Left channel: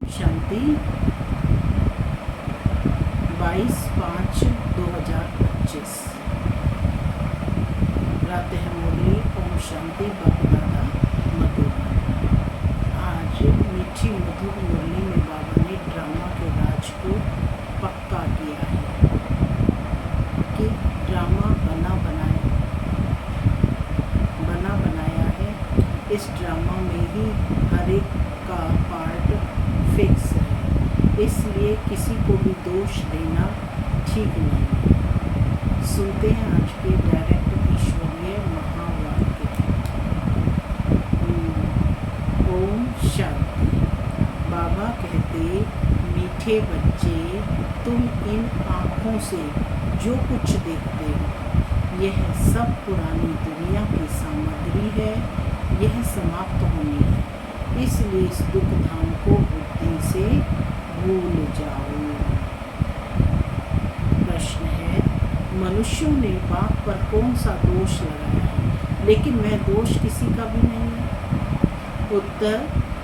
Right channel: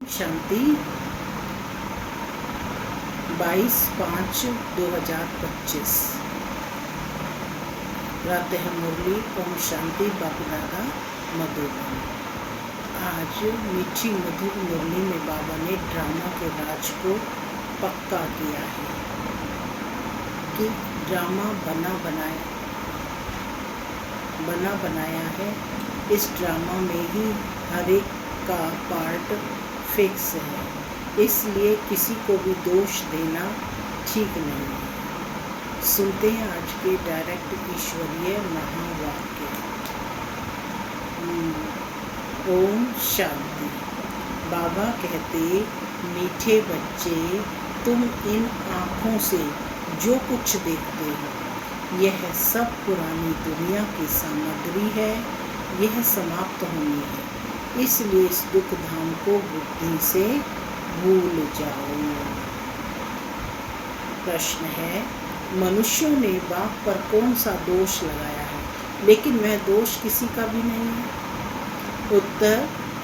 शांति 22/5/2025 प्रातः मुरली। ओम शांति। बापू दादा मधुबन। आज मीठी मधुर मुरली में बाबा ने ड्रामा के राज को पक्का किया है कि ड्रामा बना बनाया है। इस ड्रामा में ही हर एक का पार्ट फिक्स है, इसलिए किसी को भी दोष देना ठीक नहीं है। सुनते हैं आज के डायरेक्ट ईश्वरीय महावाक्य। ओम शांति। बाबा कहते, मीठे बच्चे, तुम इन आँखों से जो कुछ देखते हो यह सब पुरानी दुनिया की सामग्री है, यह समाप्त होनी है, इसलिए इस दुख धाम को बुद्धि से भूल जाओ। प्रश्न है, मनुष्यों ने बाप पर कौन सा दोष लगाया है, लेकिन वह दोष किसी का भी नहीं है। उत्तर,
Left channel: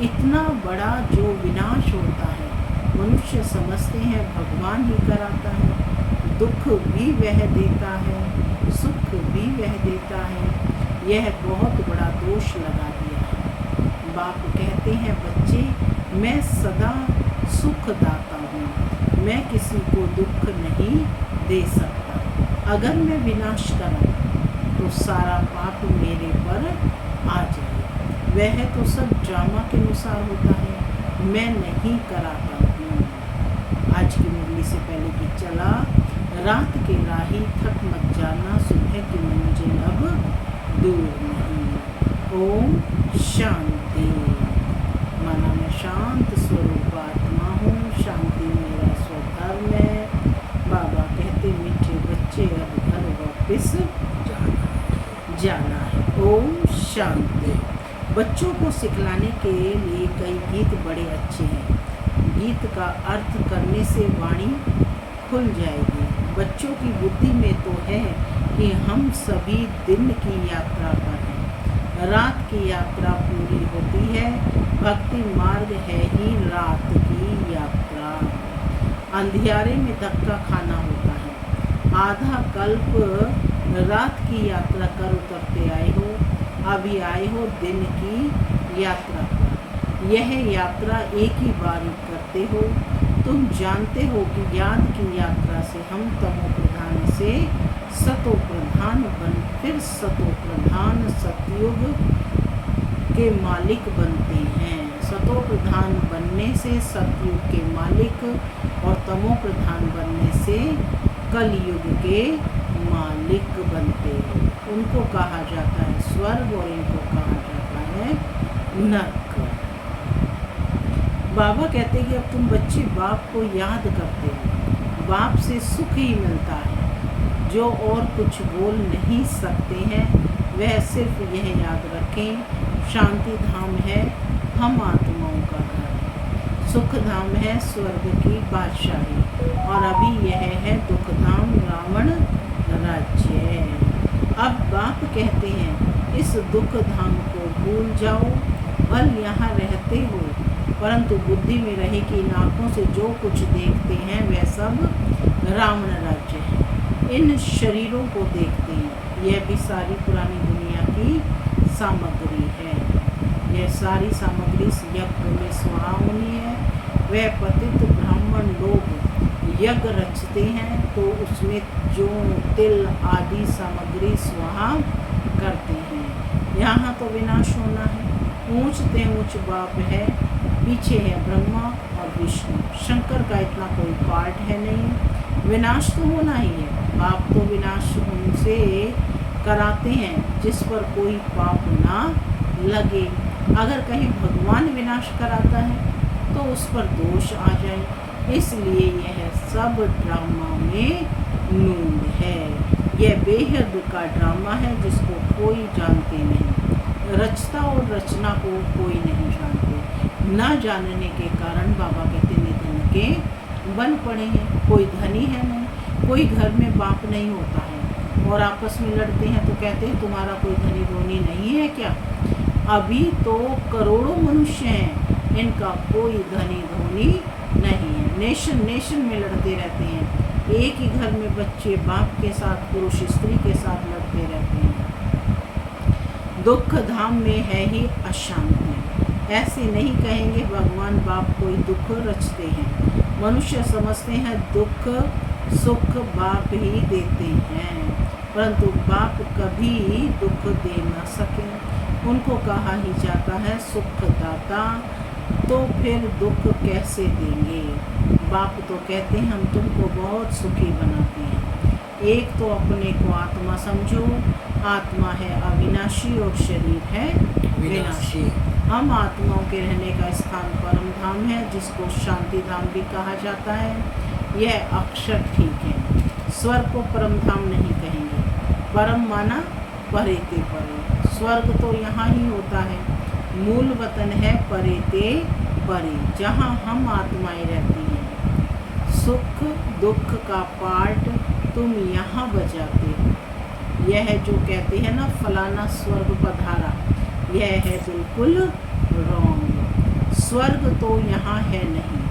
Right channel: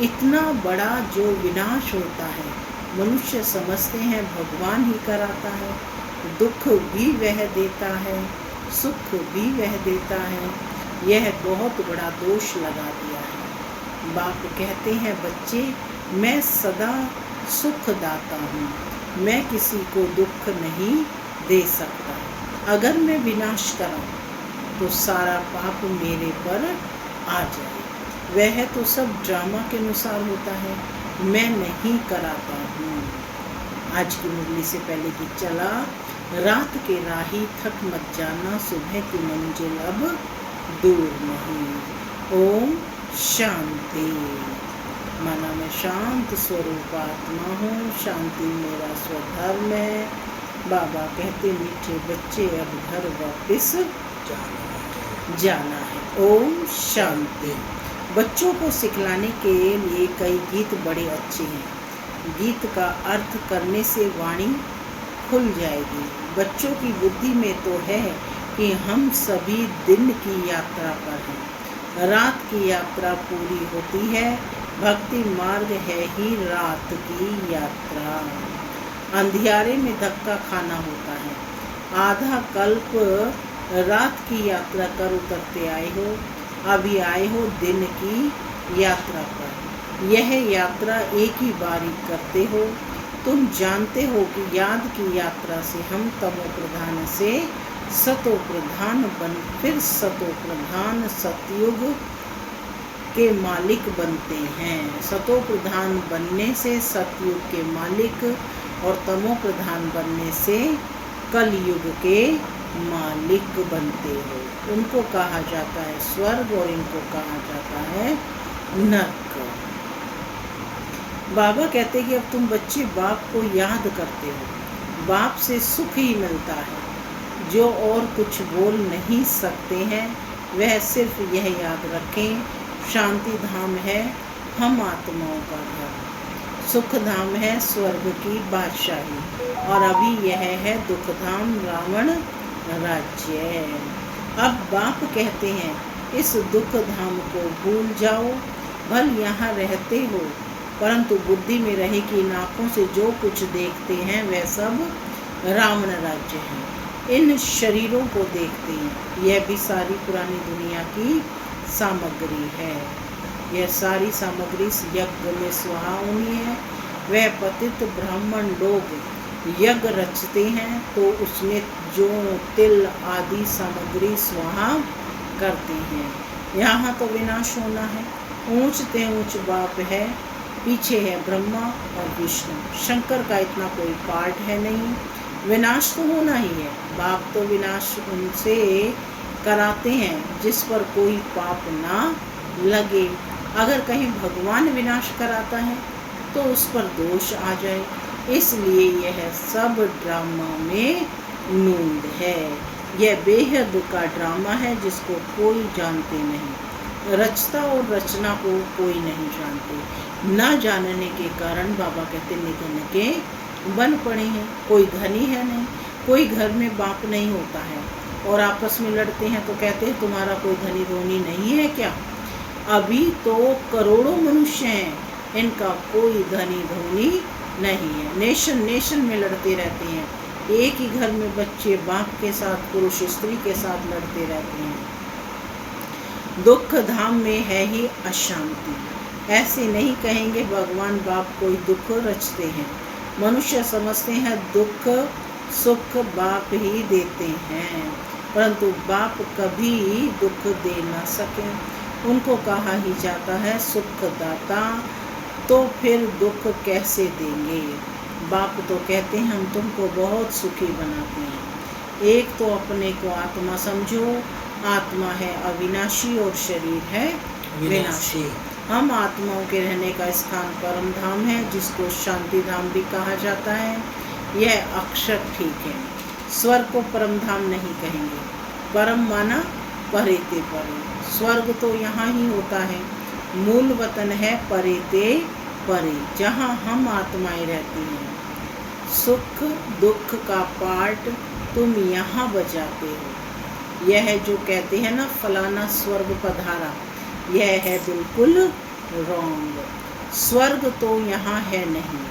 इतना बड़ा जो विनाश होता है मनुष्य समझते हैं भगवान ही कराता है। दुख भी वह देता है, सुख भी वह देता है। यह बहुत बड़ा दोष लगा दिया है। बाप कहते हैं, बच्चे, मैं सदा सुख दाता हूँ, मैं किसी को दुख नहीं दे सकता। अगर मैं विनाश कराऊँ तो सारा पाप मेरे पर आ जाए। वह तो सब ड्रामा के अनुसार होता है, मैं नहीं कराता हूँ। आज की मुरली से पहले की चला, रात के राही थक मत जाना, सुबह की मंजिल अब दूर नहीं। ओम शांति। माना मैं शांत स्वरूप आत्मा हूँ, शांति मेरा स्वधर्म है। बाबा कहते, मीठे बच्चे, अब घर वापस जाना है। ओम शांति। बच्चों को सिखलाने के लिए कई गीत बड़े अच्छे हैं। गीत का अर्थ करने से वाणी खुल जाएगी। बच्चों की बुद्धि में तो है कि हम सभी दिन की यात्रा पर हैं। रात की यात्रा पूरी होती है, भक्ति मार्ग है ही रात की यात्रा। अंधियारे में धक्का खाना होता है। आधा कल्प रात की यात्रा कर उतरते आए हो, अभी आए हो दिन की यात्रा पर। यह यात्रा एक ही बार करते हो। तुम जानते हो कि याद की यात्रा से हम तमो प्रधान से सतो प्रधान बन, फिर सतो प्रधान सतयुग के मालिक बनते हैं। सतो प्रधान बनने से सतयुग के मालिक और तमो प्रधान बनने से कलयुग के मालिक बनते हो। उनको कहा जाता है स्वर्ग और इनको कहा जाता है नरक। बाबा कहते हैं कि अब तुम बच्चे बाप को याद करते हो, बाप से सुख ही मिलता है। जो और कुछ बोल नहीं सकते हैं वह सिर्फ यह याद रखें, शांति धाम है हम आत्माओं का घर, सुख धाम है स्वर्ग की बादशाही, और अभी यह है दुख धाम रावण राज्य। अब बाप कहते हैं, इस दुख धाम को भूल जाओ। भल यहाँ रहते हो, परंतु बुद्धि में रहे कि इन आँखों से जो कुछ देखते हैं वह सब रावण राज्य है। इन शरीरों को देखते हैं, यह भी सारी पुरानी दुनिया की सामग्री है। यह सारी सामग्री यज्ञ में स्वाहा होनी है। वह पतित ब्राह्मण लोग यज्ञ रचते हैं तो उसमें जो तिल आदि सामग्री स्वाहा करते हैं। यहाँ तो विनाश होना है। ऊंचते ऊंच बाप है, पीछे है ब्रह्मा और विष्णु। शंकर का इतना कोई पार्ट है नहीं। विनाश तो होना ही है। बाप तो विनाश उनसे कराते हैं जिस पर कोई पाप ना लगे। अगर कहीं भगवान विनाश कराता है तो उस पर दोष आ जाए, इसलिए यह सब ड्रामा में नूंद है। यह बेहद का ड्रामा है जिसको कोई जानते नहीं। रचता और रचना को कोई नहीं जानते। ना जानने के कारण बाबा कहते निधन के बन पड़े हैं। कोई धनी है नहीं, कोई घर में बाप नहीं होता है और आपस में लड़ते हैं तो कहते हैं तुम्हारा कोई धनी धोनी नहीं है क्या। अभी तो करोड़ों मनुष्य हैं इनका कोई धनी धोनी नहीं है। नेशन नेशन में लड़ते रहते हैं। एक ही घर में बच्चे बाप के साथ, पुरुष स्त्री के साथ लड़ते रहते हैं। दुख धाम में है ही अशांति। ऐसे नहीं कहेंगे भगवान बाप कोई दुख रचते हैं। मनुष्य समझते हैं दुख सुख बाप ही देते हैं, परंतु बाप कभी दुख दे ना सके। उनको कहा ही जाता है सुख दाता, तो फिर दुख कैसे देंगे। बाप तो कहते हैं हम तुमको बहुत सुखी बनाते हैं। एक तो अपने को आत्मा समझो, आत्मा है अविनाशी और शरीर है विनाशी। हम आत्माओं के रहने का स्थान परम धाम है, जिसको शांति धाम भी कहा जाता है। यह अक्षर ठीक है। स्वर्ग को परम धाम नहीं कहेंगे। परम माना परेते परे। स्वर्ग तो यहाँ ही होता है। मूल वतन है परेते परे, जहाँ हम आत्माएं रहती हैं। सुख दुख का पार्ट तुम यहाँ बजाते हो। यह जो कहते हैं ना फलाना स्वर्ग पधारा, यह है बिल्कुल रॉन्ग। स्वर्ग तो यहाँ है नहीं,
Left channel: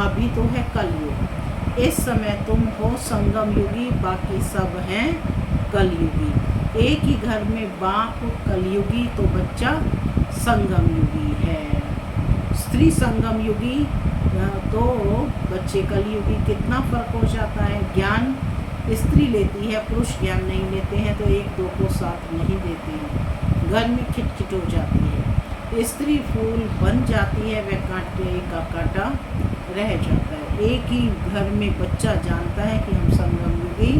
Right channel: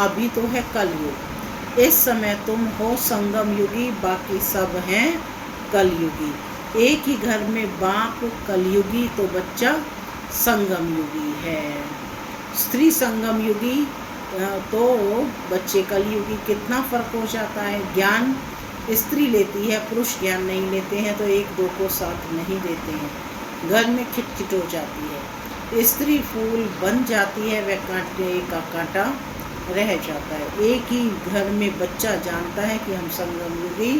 अभी तो है कलयुग। इस समय तुम हो संगम युगी, बाकी सब हैं कलयुगी। एक ही घर में बाप कलयुगी तो बच्चा संगम युगी है। स्त्री संगम युगी तो बच्चे कलयुगी। कितना फर्क हो जाता है। ज्ञान स्त्री लेती है, पुरुष ज्ञान नहीं लेते हैं, तो एक दो को साथ नहीं देते हैं। घर में खिटखिट हो जाती है। स्त्री फूल बन जाती है, वह कांटे का कांटा रह जाता है। एक ही घर में बच्चा जानता है कि हम संगम युगी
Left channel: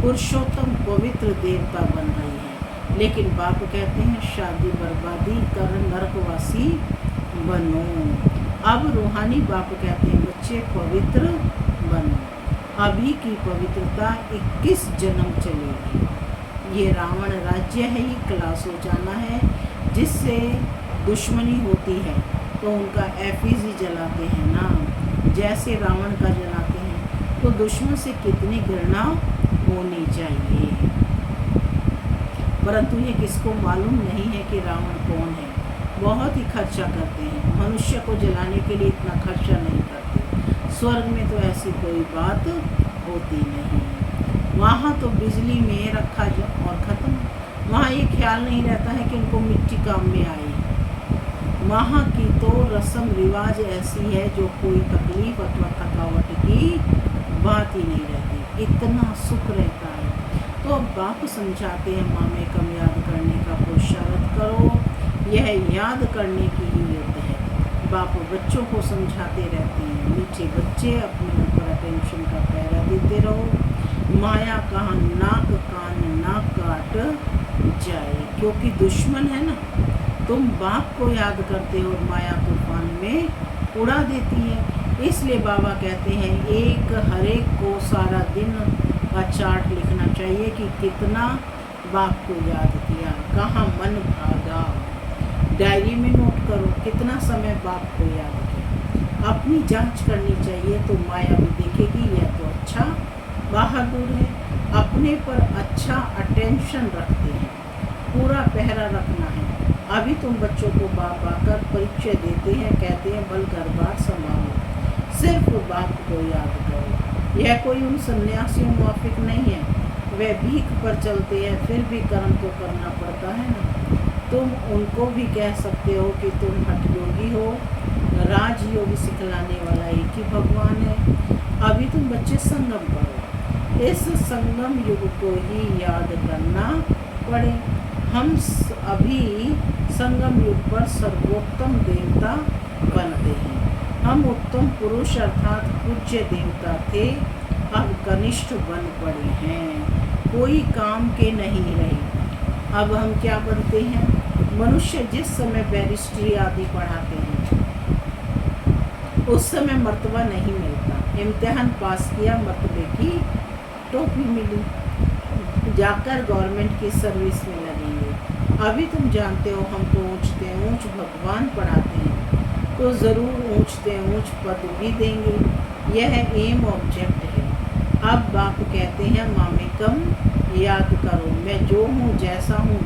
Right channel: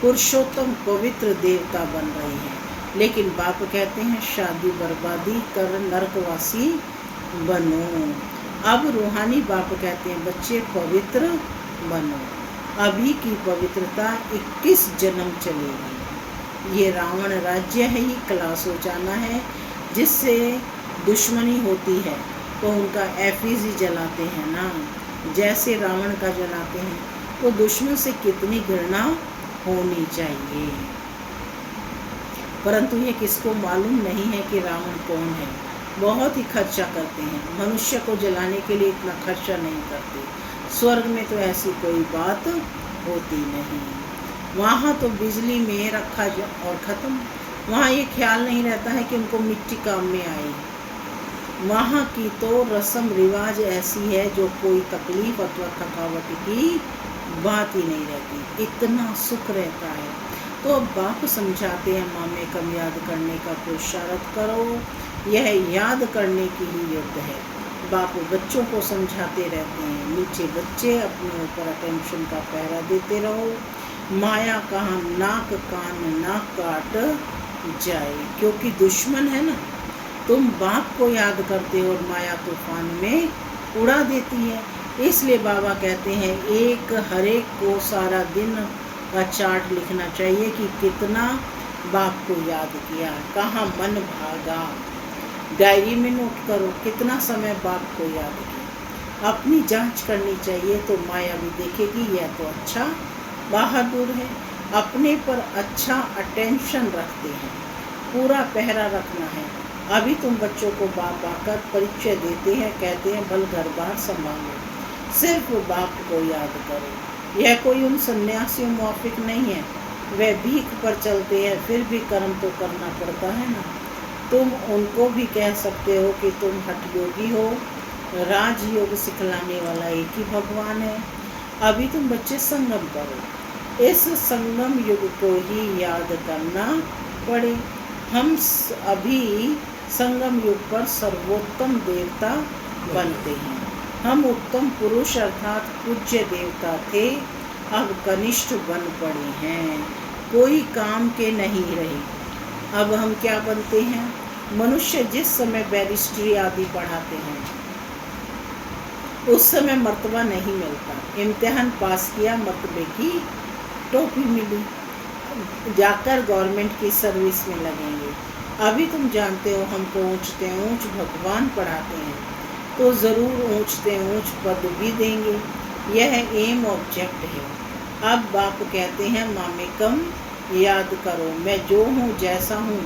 पुरुषोत्तम पवित्र देवता बन रहे हैं, लेकिन बाप कहते हैं शादी बर्बादी कर नरकवासी बनो। अब रूहानी बाप कहते हैं बच्चे पवित्र बनो। अभी की पवित्रता 21 जन्म चलेगी। ये रावण राज्य है ही क्लास हो जाना है, जिससे दुश्मनी होती है तो उनका एफिजी जलाते हैं ना, जैसे रावण का जलाते हैं। तो दुश्मन से कितनी घृणा होनी चाहिए, परंतु ये किसको मालूम नहीं है कि रावण कौन है। बहुत ही खर्चा करते हैं, मनुष्य को जलाने के लिए इतना खर्चा नहीं करते। स्वर्ग में तो ऐसी कोई बात होती नहीं। वहाँ तो बिजली में रखा और ख़त्म। वहाँ ये ख्याल नहीं रहता है कि उनको मिट्टी काम में आएगी। वहाँ की तो रस्म रिवाज ऐसी है जो कोई तकलीफ अथवा थकावट की बात ही नहीं रहती, इतना सुख रहता है। तो अब बाप समझाते हैं मामे कम याद करने का पुरुषार्थ करो, यह याद करने की ही युद्ध है। बाप बच्चों को समझाते रहते हैं, नीचे बच्चे अपने ऊपर अटेंशन का पहरा देते रहो। माया कहाँ नाक कान नाक काट जाए, क्योंकि दुश्मन है ना। तुम बाप को याद करते हो और माया तूफान में उड़ा देती है। इसलिए बाबा कहते हैं एक हर एक को सारा दिन का चार्ट लिखना चाहिए कि कितना बाप को याद किया, कहाँ मन भागा। डायरी में नोट करो कितना समय बाप को याद किया। अपनी जांच करनी चाहिए, तो माया भी देखेगी यह तो अच्छा बहादुर है, अपने पर अच्छा अटेंशन रखते हैं, पूरा पहरा रखना है। अभी तुम बच्चों को बाप आकर परिचय देते हैं, कहते हैं बल घर बार संभालो, सिर्फ बाप को याद करो। यह कोई उन सन्यासियों मुआफिक नहीं है, वे भीख पर चलते हैं, फिर भी कर्म तो करना पड़ता है ना। तुम उनको भी कह सकते हो कि तुम हठ योगी हो, राजयोग सिखलाने वाला एक ही भगवान है। अभी तुम बच्चे संगम करो, इस संगम युग को ही याद करना पड़े। हम अभी संगम युग पर सर्वोत्तम देवता बनते हैं। हम उत्तम पुरुष अर्थात पूज्य देवता थे, अब कनिष्ठ बन पड़े हैं, कोई काम के नहीं रहे। अब हम क्या बनते हैं? मनुष्य जिस समय बैरिस्ट्री आदि पढ़ाते हैं उस समय मर्तबा नहीं मिलता। इम्तिहान पास किया, मर्तबे की टोपी मिली, जाकर गवर्नमेंट की सर्विस में लगेंगे। अभी तुम जानते हो हमको ऊँचते ऊँच भगवान पढ़ाते हैं, तो ज़रूर ऊँचते ऊँच पद भी देंगे। यह एम ऑब्जेक्ट है। अब बाप कहते हैं मामे कम याद करो, मैं जो हूँ जैसा हूँ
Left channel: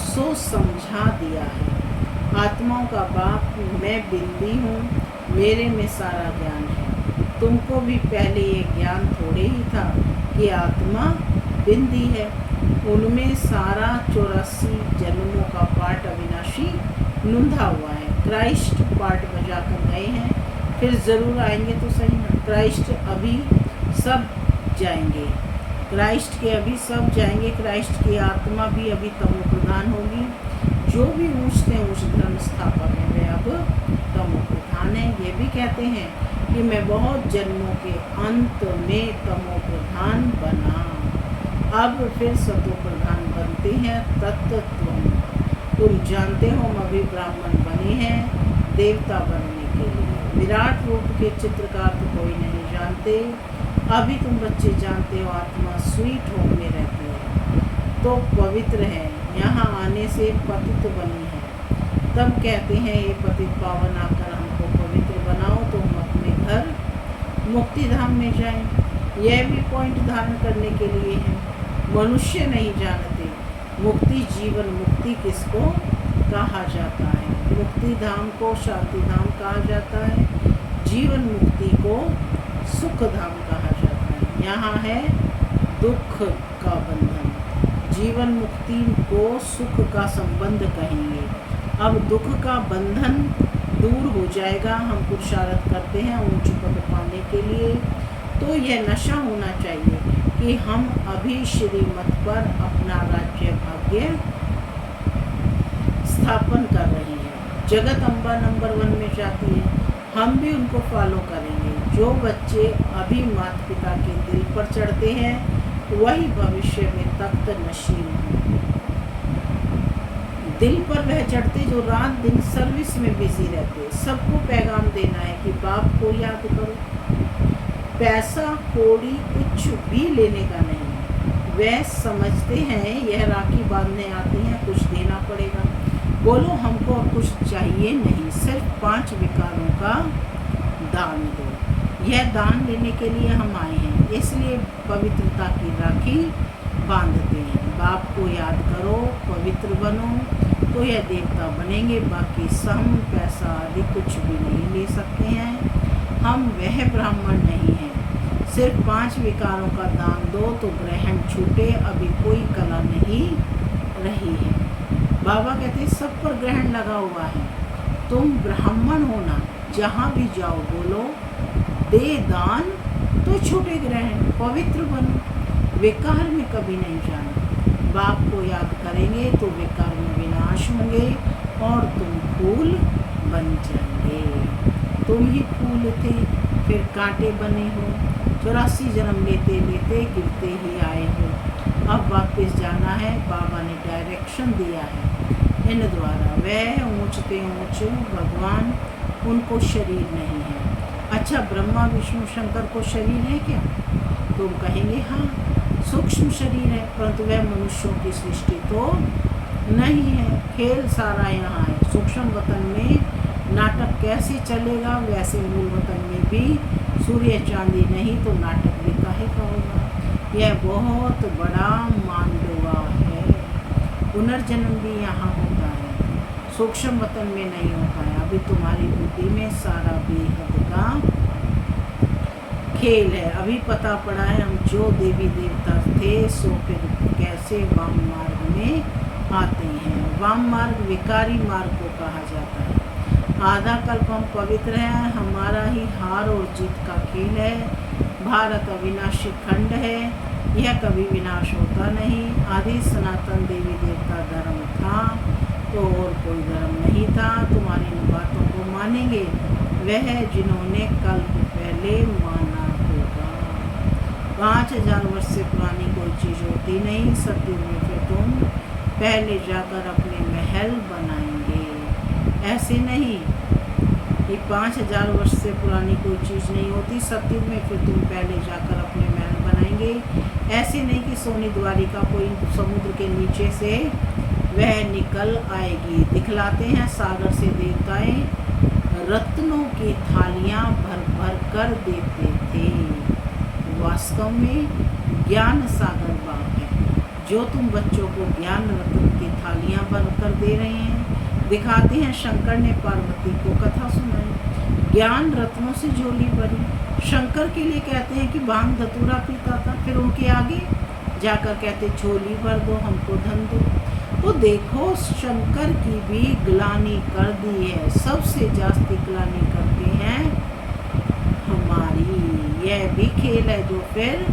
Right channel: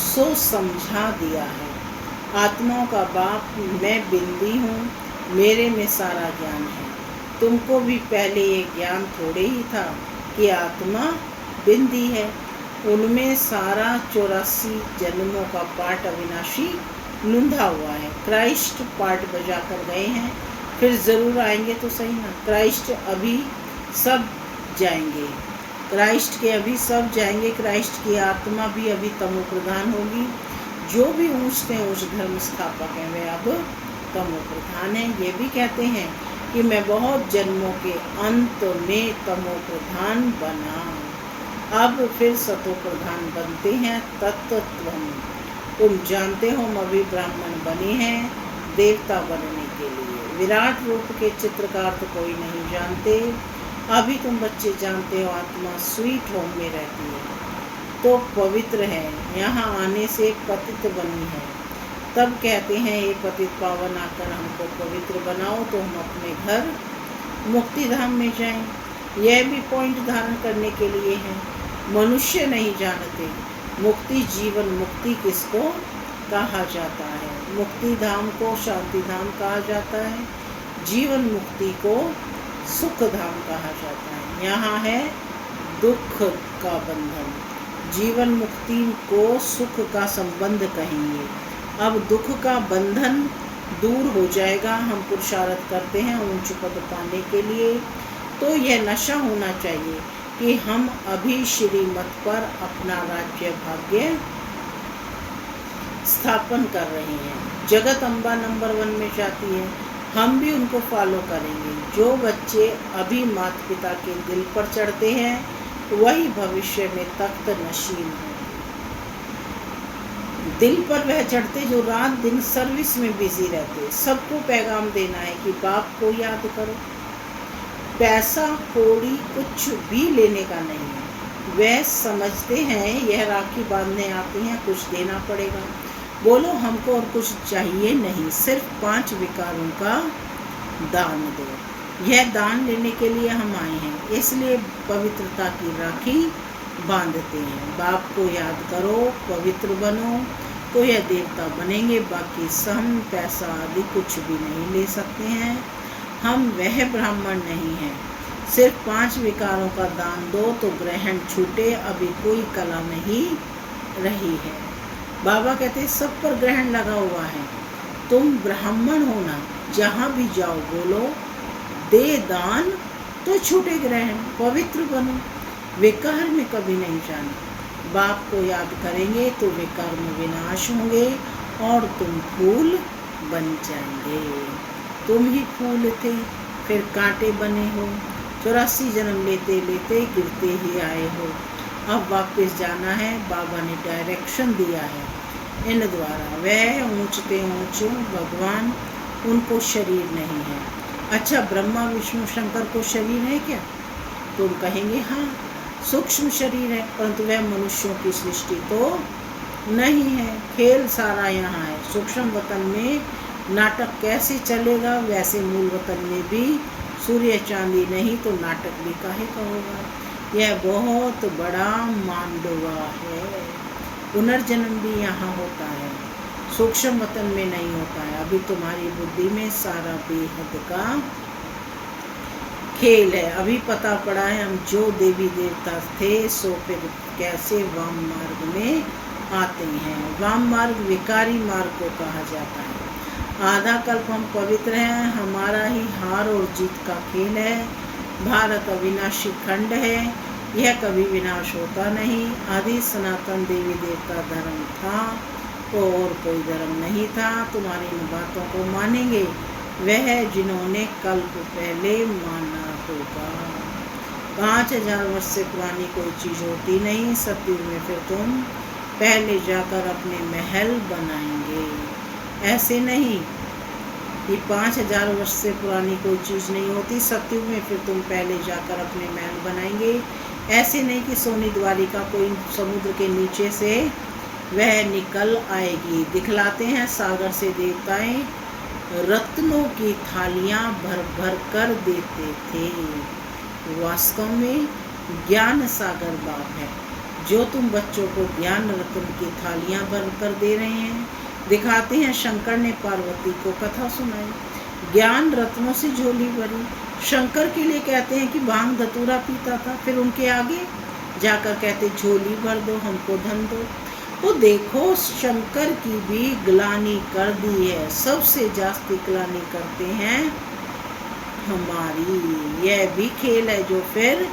सो समझा दिया है। आत्माओं का बाप मैं बिंदी हूँ, मेरे में सारा ज्ञान है। तुमको भी पहले ये ज्ञान थोड़े ही था कि आत्मा बिंदी है। उनमें सारा 84 जन्मों का पाठ अविनाशी नूंधा हुआ है। क्राइस्ट पाठ बजा कर गए हैं, फिर ज़रूर आएंगे तो सही ना। क्राइस्ट अभी सब जाएंगे, क्राइस्ट के अभी सब जाएंगे। क्राइस्ट की आत्मा भी अभी तमो प्रधान होगी। जो भी ऊंच से ऊंच धर्म स्थापक हैं वे अब तमो प्रधान हैं। ये भी कहते हैं कि मैं बहुत जन्मों के अंत में तमो प्रधान बना, अब फिर सतो प्रधान बनते हैं। तत्त्वम, तुम जानते हो हम अभी ब्राह्मण बने हैं देवता बनने के लिए। विराट रूप के चित्रकार तो कोई नहीं जानते, अभी तुम बच्चे जानते हो आत्मा स्वीट होम में रहती है तो पवित्र है, यहाँ आने से पतित बनी है। तब कहते हैं ये पतित पावन आकर हमको पवित्र बनाओ तो हम अपने घर मुक्ति धाम में जाएं। यह भी पॉइंट धारण करने के लिए है। मनुष्य नहीं जानते मुक्ति जीवन मुक्ति किसको कहा जाता है। मुक्ति धाम को शांति धाम कहा जाता है, जीवन मुक्ति को सुख धाम कहा जाता है। यहाँ है दुख का बंधन, जीवन मुक्ति को सुख का संबंध कहेंगे। अब दुख का बंधन दूर हो जाएगा। हम पुरुषार्थ करते हैं ऊंच पद पाने के लिए, तो यह नशा होना चाहिए कि हम अभी श्रीमत पर अपना राज्य भाग्य स्थापन कर रहे हैं। जगत अम्बा नंबर 1 में जाती है, हम भी उनको फॉलो करेंगे। जो बच्चे अभी माता पिता के दिल पर चढ़ते हैं वही भविष्य में तख्त नशीन होंगे। दिल पर वह चढ़ते जो रात दिन सर्विस में बिजी रहते। सबको पैगाम देना है कि बाप को याद करो। पैसा कौड़ी कुछ भी लेने का नहीं है। वह समझते हैं यह राखी बांधने आते हैं कुछ देना पड़ेगा। बोलो हमको और कुछ चाहिए नहीं, सिर्फ 5 विकारों का दान दो। यह दान लेने के लिए हम आए हैं, इसलिए पवित्रता की राखी बांधते हैं। बाप को याद करो, पवित्र बनो तो यह देवता बनेंगे। बाकी सम पैसा आदि कुछ भी नहीं ले सकते हैं। हम वह ब्राह्मण नहीं हैं। सिर्फ 5 विकारों का दान दो तो ग्रहण छूटे, अभी कोई कला नहीं रही है। बाबा कहते सब पर ग्रहण लगा हुआ है। तुम ब्राह्मण होना, जहाँ भी जाओ बोलो दे दान तो छूटे ग्रहण, पवित्र बनो, विकार में कभी नहीं जाना। बाप को याद करेंगे तो विकार में विनाश होंगे और तुम फूल बन जाएंगे। तुम ही फूल थे फिर कांटे बने हो, 84 जन्म लेते लेते गिरते ही आए हो। अब वापस जाना है, बाबा ने डायरेक्शन दिया है इन द्वारा। वह ऊंचते ऊंच भगवान, उनको शरीर नहीं है। अच्छा, ब्रह्मा विष्णु शंकर को शरीर है क्या? तुम कहेंगे हाँ सूक्ष्म शरीर है, परंतु वह मनुष्यों की सृष्टि तो नहीं है। खेल सारा यहाँ है। सूक्ष्म वतन में नाटक कैसे चलेगा, वैसे मूल वतन में भी सूर्य चांदी नहीं तो नाटक भी काहे का होगा। यह बहुत बड़ा मांडवा है। पुनर्जन्म भी यहाँ होता है, सूक्ष्म वतन में नहीं होता है। अभी तुम्हारी बुद्धि में सारा बेहद का खेल है। अभी पता पड़ा है हम जो देवी देवता थे सो फिर कैसे वाम मार्ग में आते हैं। वाम मार्ग विकारी मार्ग को कहा जाता है। आधा कल्प हम पवित्र हैं, हमारा ही हार और जीत का खेल है। भारत अविनाशी खंड है, यह कभी विनाश होता नहीं। आदि सनातन देवी देवता धर्म था तो और कोई धर्म नहीं था। तुम्हारी इन बातों को मानेंगे वह जिन्होंने कल्प पहले माना होगा। 5000 वर्ष से पुरानी कोई चीज़ होती नहीं। सतयुग में फिर तुम पहले जाकर अपने महल बनाएंगे। ऐसे नहीं कि 5000 वर्ष से पुरानी कोई चीज़ नहीं होती। सतयुग में फिर तुम पहले जाकर अपने महल बनाएंगे। ऐसे नहीं कि सोनी द्वारिका कोई समुद्र के नीचे से वह निकल आएगी। दिखलाते हैं सागर से देवताएं रत्नों की थालियां भर भर कर देते थे। वास्तव में ज्ञान सागर बाप है। जो तुम बच्चों को ज्ञान रत्न की थालियां भर कर दे रहे हैं दिखाते हैं शंकर ने पार्वती को कथा सुनाई, ज्ञान रत्नों से झोली भरी। शंकर के लिए कहते हैं कि भांग धतूरा पीता था, फिर उनके आगे जाकर कहते झोली भर दो, हमको धन दो। तो देखो शंकर की भी ग्लानि कर दी है, सबसे जास्ती ग्लानि करते हैं हमारी। यह भी खेल है जो फिर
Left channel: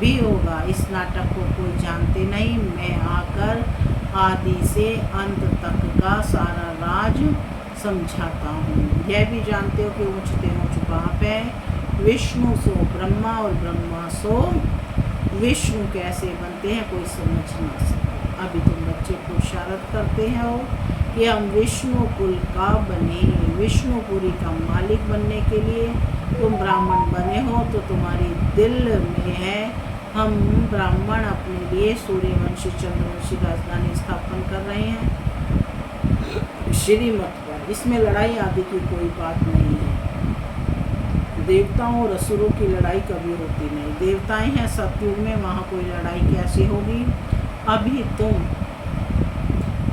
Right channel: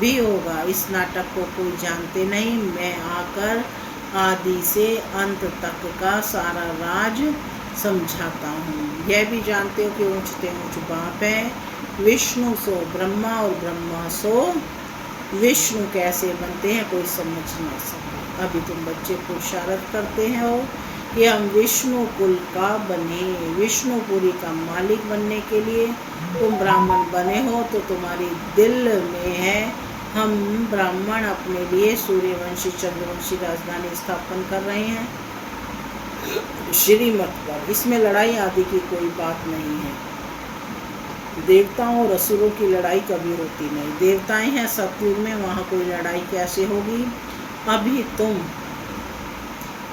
भी होगा। इस नाटक को कोई जानते नहीं, मैं आकर आदि से अंत तक का सारा राज समझाता हूँ। यह भी जानते हो कि ऊंचते ऊंच बाप है, विष्णु सो ब्रह्मा और ब्रह्मा सो विष्णु कैसे बनते हैं कोई समझ ना सके। अभी तुम बच्चे पुरुषार्थ करते हो कि हम विष्णु कुल का बने, विष्णुपुरी का मालिक बनने के लिए तुम ब्राह्मण बने हो, तो तुम्हारी दिल में है हम ब्राह्मण अपने लिए सूर्यवंशी चंद्रवंशी राजधानी स्थापन कर रहे हैं श्रीमठ पर। इसमें लड़ाई आदि की कोई बात नहीं है। देवताओं और असुरों की लड़ाई कभी होती नहीं। देवताएं हैं सतयुग में, वहाँ कोई लड़ाई कैसे होगी। अभी तुम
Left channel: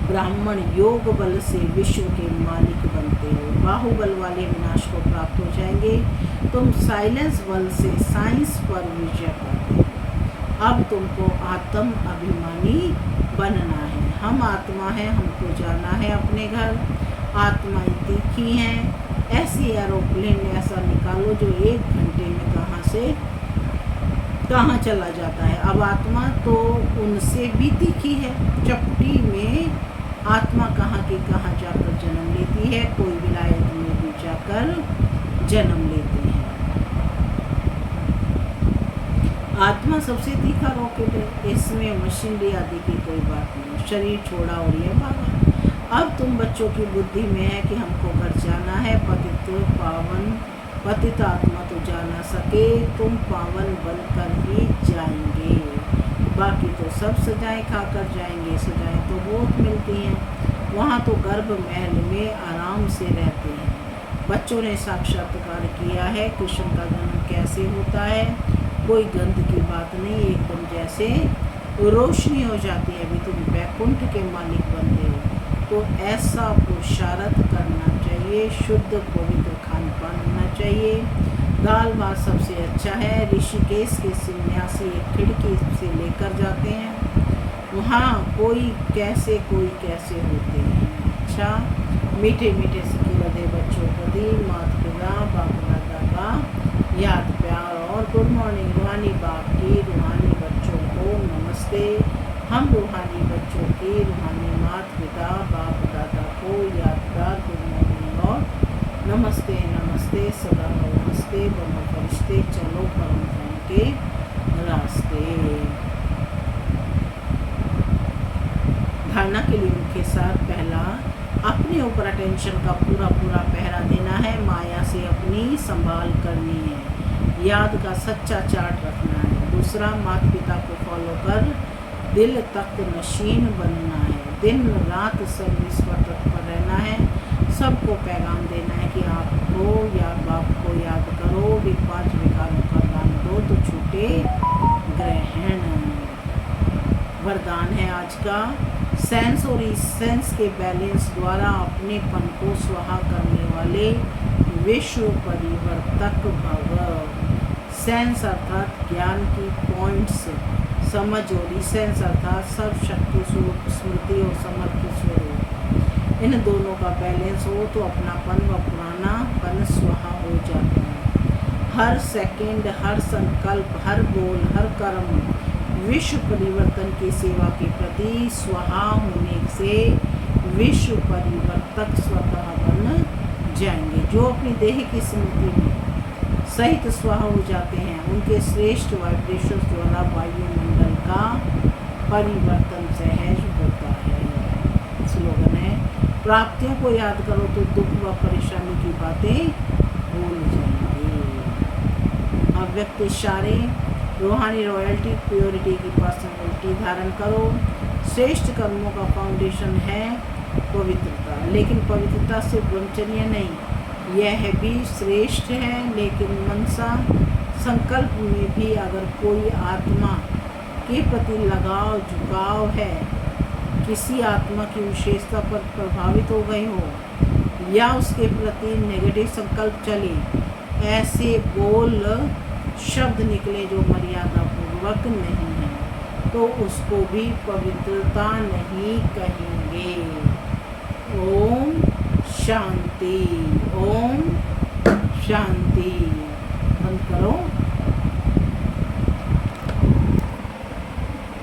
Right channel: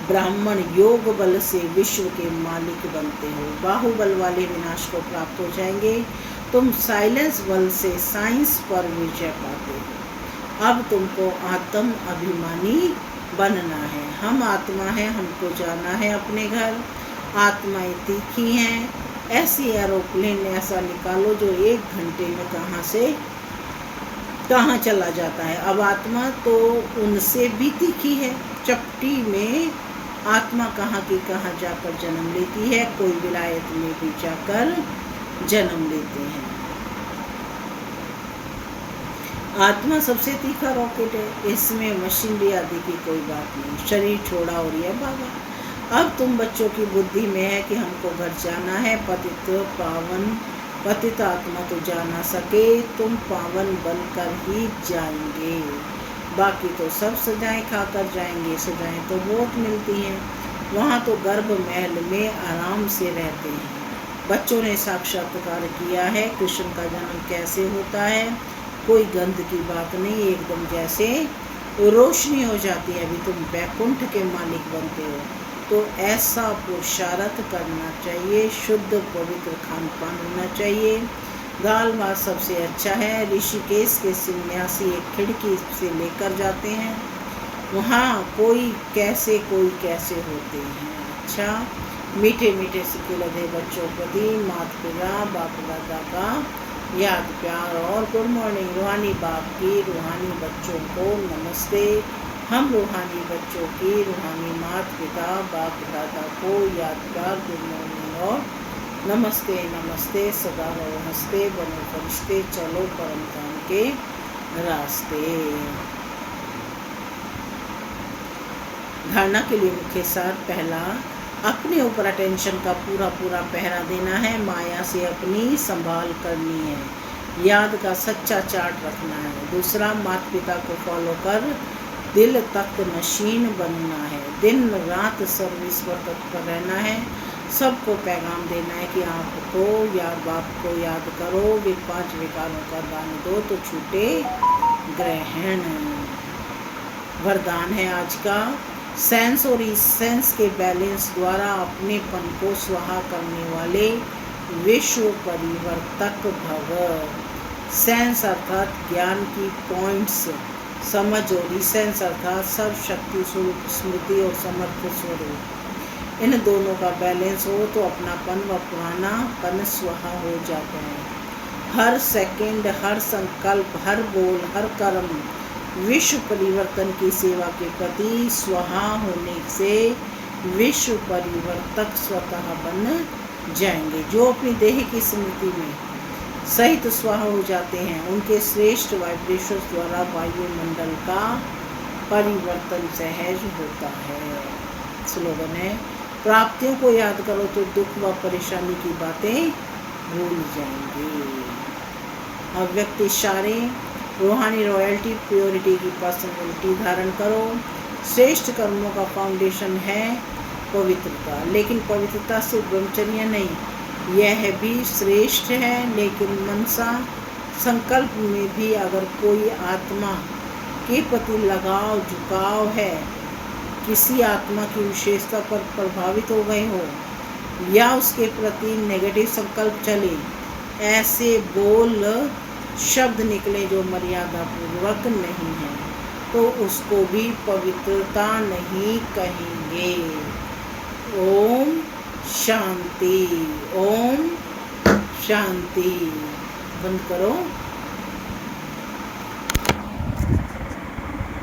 ब्राह्मण योग बल से विश्व के मालिक बनते हो, बाहुबल वाले विनाश को प्राप्त हो जाएंगे। तुम साइलेंस बल से साइंस पर विजय पाते हो। अब तुमको आत्म अभिमानी बनना है। हम आत्मा है, हमको जाना है अपने घर। आत्माएं तीखी हैं, ऐसी एरोप्लेन ऐसा निकालो जो 1 घंटे में कहाँ से कहाँ चला जाता है। अब आत्मा तो उनसे भी तीखी है, चपटी में आत्मा कहाँ की कहाँ जाकर जन्म लेती है, कोई विलायत में भी जाकर जन्म लेते हैं। आत्मा सबसे तीखा रॉकेट है, इसमें मशीनरी आदि की कोई बात नहीं। शरीर छोड़ा और यह भागा। अब तुम बच्चों की बुद्धि में है कि हमको घर जाना है। पतित पावन पतित आत्मा तो जा ना सके, तुम पावन बनकर ही जाएंगे। बाकी तो सब सजाएं खाकर जाएंगे। सजाएं तो बहुत मिलती हैं, वहाँ तो गर्भ महल में आराम से रहते हैं। बच्चों ने साक्षात्कार किया है कृष्ण का जन्म कैसे होता है, कोई गंध की बात नहीं, एकदम जैसे रोशनी हो जाती है। अभी तुम वैकुंठ के मालिक बनते हो, तो ऐसा पुरुषार्थ करना चाहिए। शुद्ध पवित्र खान पान होना चाहिए। दाल भात सबसे अच्छा है। ऋषिकेश के सन्यासी एक खिड़की से लेकर जाते हैं, वहाँ कोई कैसे होते हैं। अच्छा, मीठे मीठे सिक्के लगे बच्चों प्रति माता पिता बाप दादा का याद प्यार और गुड मॉर्निंग। रूहानी बाप की रूहानी बच्चों को नमस्ते। हम रूहानी बच्चों की रूहानी माता पिता बाप दादा को याद प्यार गुड मॉर्निंग और नमस्ते। नमस्ते, सदा रहो हंसते, बनो फरिश्ते, चलो परम धाम के रास्ते। धारणा के लिए मुख्य सार, पहला, अपने ऊपर अटेंशन का पूरा पहरा देना है। माया से अपनी संभाल करनी है। याद का सच्चा चार्ट रखना है। दूसरा, माता पिता को फॉलो कर दिल तख्त नशीन बनना है। दिन रात सर्विस पर तत्पर रहना है। सबको पैगाम देना है कि आपको या बाप को याद करो, वे 5 विकारों का दान दो तो छूटे ग्रहण। वरदान है आज का, सेंस और इसेंस के बैलेंस द्वारा अपनेपन को स्वाहा करने वाले विश्व परिवर्तक भव। सेंस अर्थात ज्ञान की पॉइंट्स समझ, और इसेंस अर्थात सर्वशक्ति स्वरूप स्मृति और समर्थ स्वरूप। इन दोनों का बैलेंस हो तो अपनापन व पुरानापन स्वाहा हो जाता है। हर सेकंड, हर संकल्प, हर बोल, हर कर्म विश्व परिवर्तन की सेवा के प्रति स्वाहा होने से विश्व परिवर्तक स्वतः बन जाएंगे। जो अपनी देह की स्मृति में सहित स्वाहा हो जाते हैं, उनके श्रेष्ठ वाइब्रेशन द्वारा वायुमंडल का परिवर्तन सहज होता है। स्लोगन है, प्राप्तियों को याद करो तो दुख व परेशानी की बातें भूल जाएंगे। अव्यक्त इशारे, रूहानी रॉयल्टी, प्योरिटी की पर्सनैलिटी धारण करो। श्रेष्ठ कर्मों का फाउंडेशन है पवित्रता, लेकिन पवित्रता से ब्रह्मचर्य नहीं, यह भी श्रेष्ठ है। लेकिन मनसा संकल्प में भी अगर कोई आत्मा के प्रति लगाव झुकाव है किसी आत्मा की विशेषता पर प्रभावित हो गए हो या उसके प्रति नेगेटिव संकल्प चले, ऐसे बोल शब्द निकले जो मर्यादा पूर्वक नहीं है, तो उसको भी पवित्रता नहीं कहेंगे। ओम शांति। ओम शांति। बंद करो।